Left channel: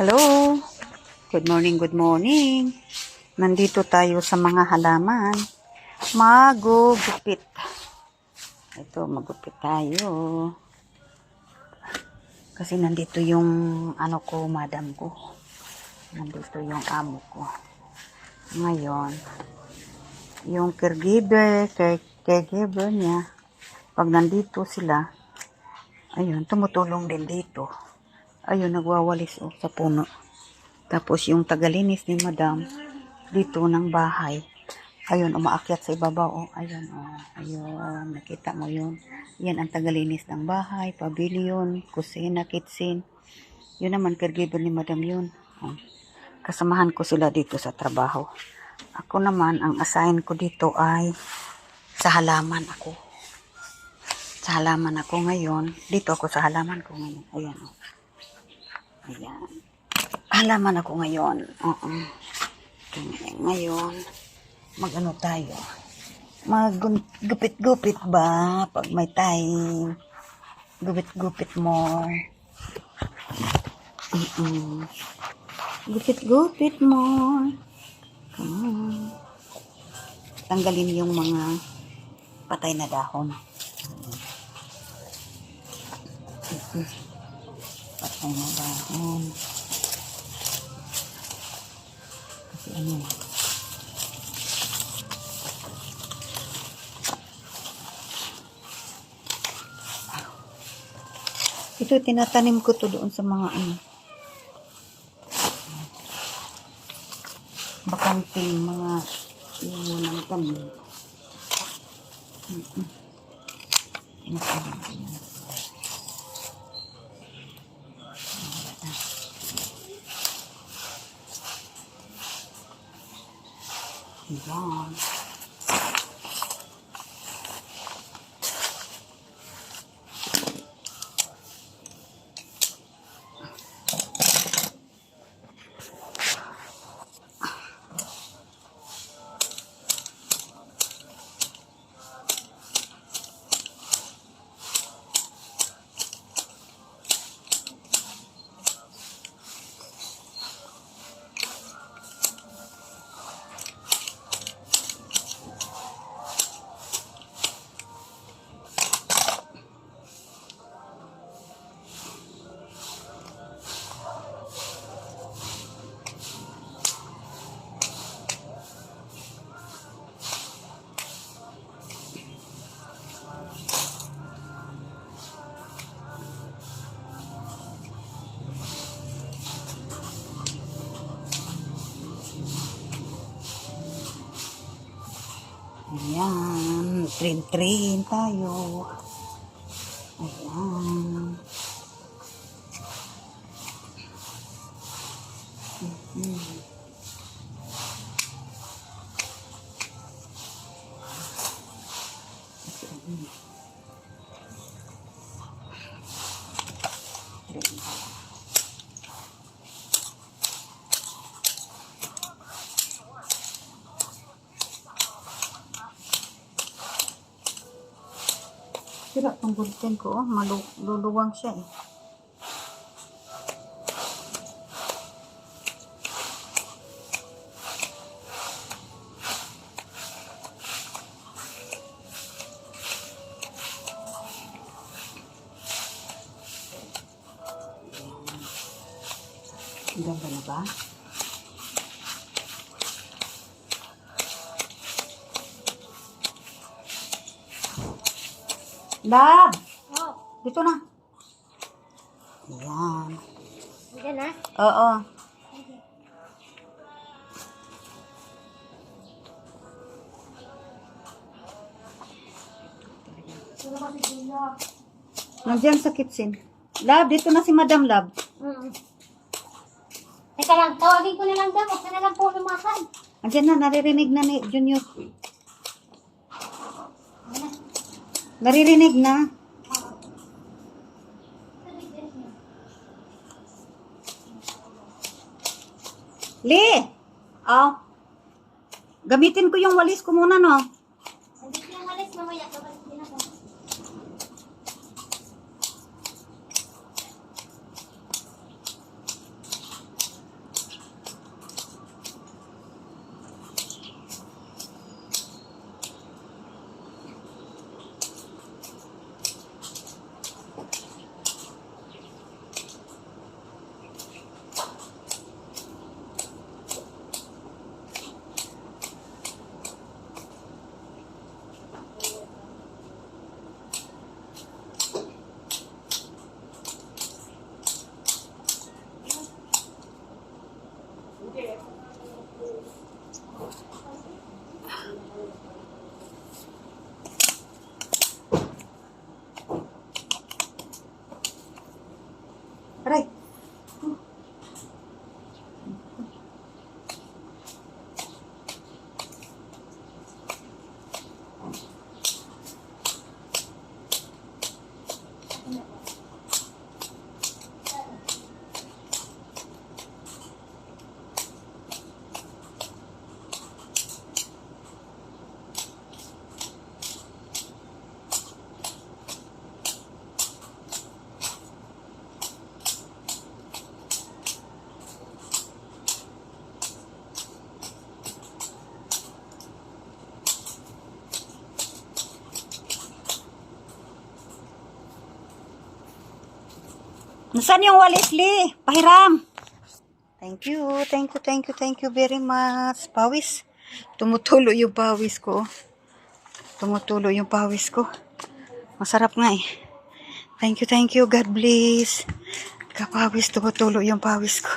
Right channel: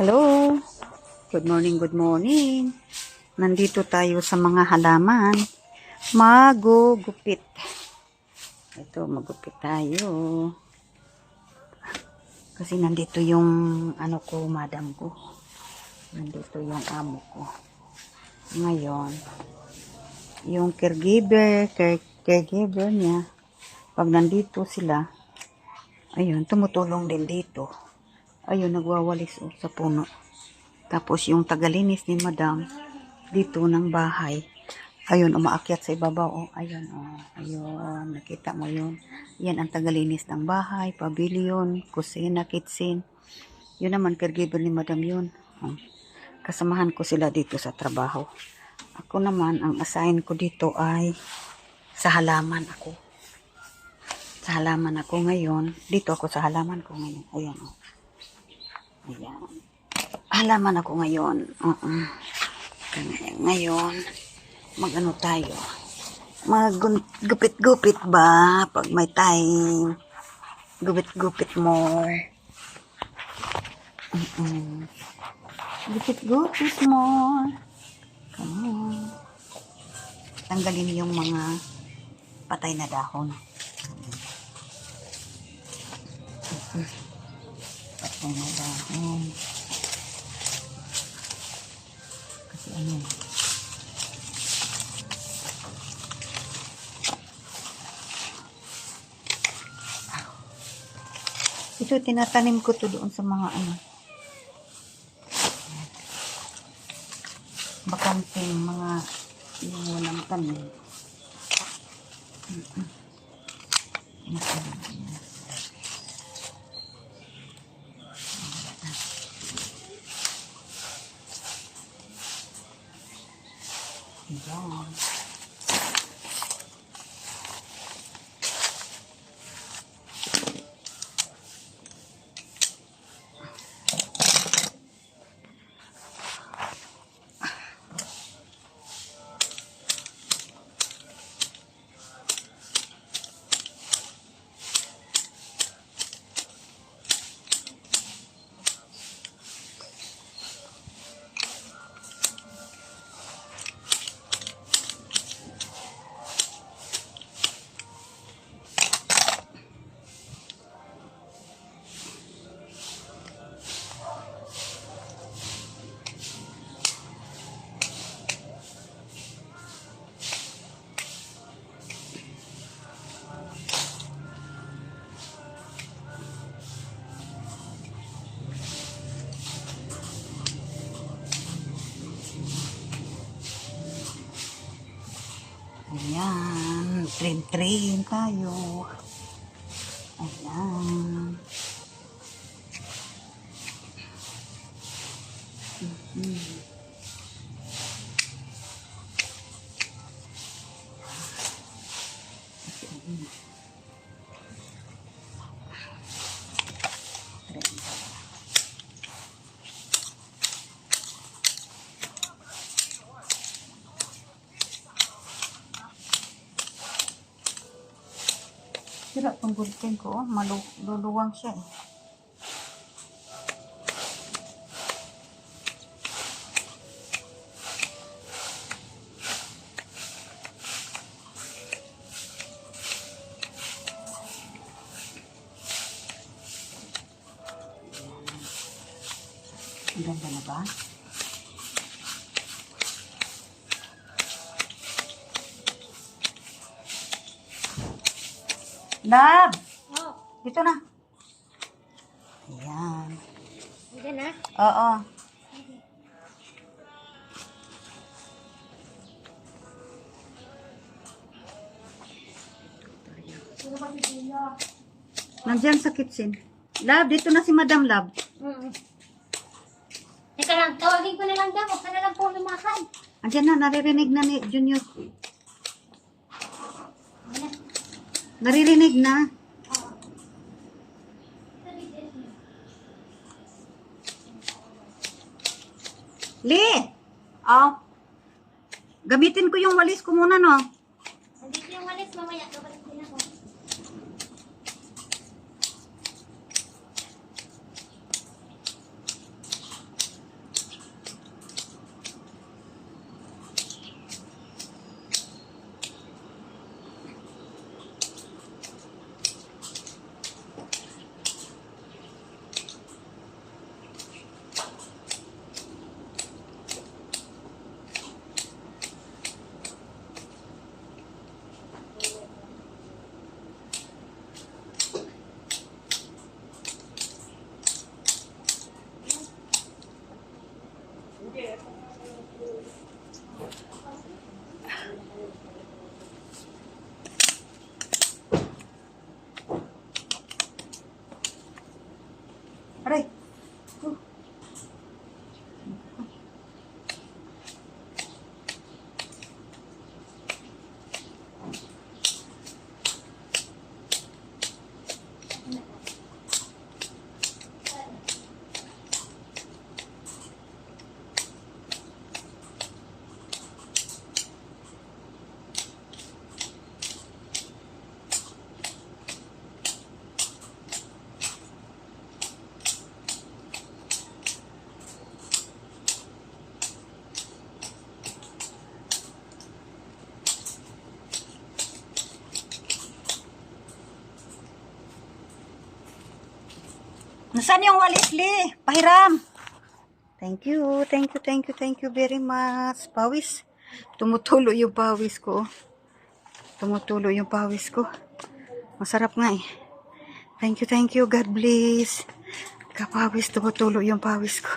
Hello! Good morning, good morning. Nandito tayo sa mga halaman. Magugupit. Ito, magupit tayo. Kasi nandito yung madam ko. Nandito yung amo ko. Ngayon, yung caregiver niya, pag nandito sila, ayun, tumutulong din dito. Ayun, nagwawalis sa puno. Tapos yung tagalinis ni madam, dito ng bahay. Ayun, umaakyat sa ibabaw. Ayun, ayun, nakita mo yun. Yan ang tagalinis ng bahay, pavilion, kusina, kitchen. Yun naman, caregiver ni madam yun. Kasamahan ko sila dito sa trabaho. Ako naman, ang assign ko dito ay sa halaman ako. Sa halaman ako ngayon. Dito ako sa halaman ko ngayon. Ayan, ayan. Halaman ako ngayon. Ngayon, mag-ano tayo? Mag-gupit-gupit ba? Pag may time, gupit-gupit mo. Gupit-gupit mo. Tanggalin yung mga patay na dahon. Patay na dahon. Kasi ito, tinatanim ko to doon sa mga bakanting mga iwanang tanim. Ayan. Ayan, train tayo. Ayan. Sira tong gulpin ko, maluluwang siya eh. Ang ganda na ba? Lab! Oh, Dito na. Ayan. hindi na. Oo. Sino ba si Gio? Nandiyan sa kitchen. Lab, dito na si Madam Lab. Teka lang, tawagin ko na lang daw. Huwag ka na lang po lumakad. Andiyan na, naririnig na ni Junior. Naririnig na. Lee! Oh. Gamitin ko yung walis ko muna, no? Nandito yung walis mamaya. Dapat din ako. Nasaan yung walis, Li? Pahiram. Thank you, thank you, thank you, thank you very much. Pawis. Tumutulo yung pawis ko. Tumutulo yung pawis ko. Masarap nga eh. Thank you, thank you. God bless. Kapawis, tumutulo yung pawis ko.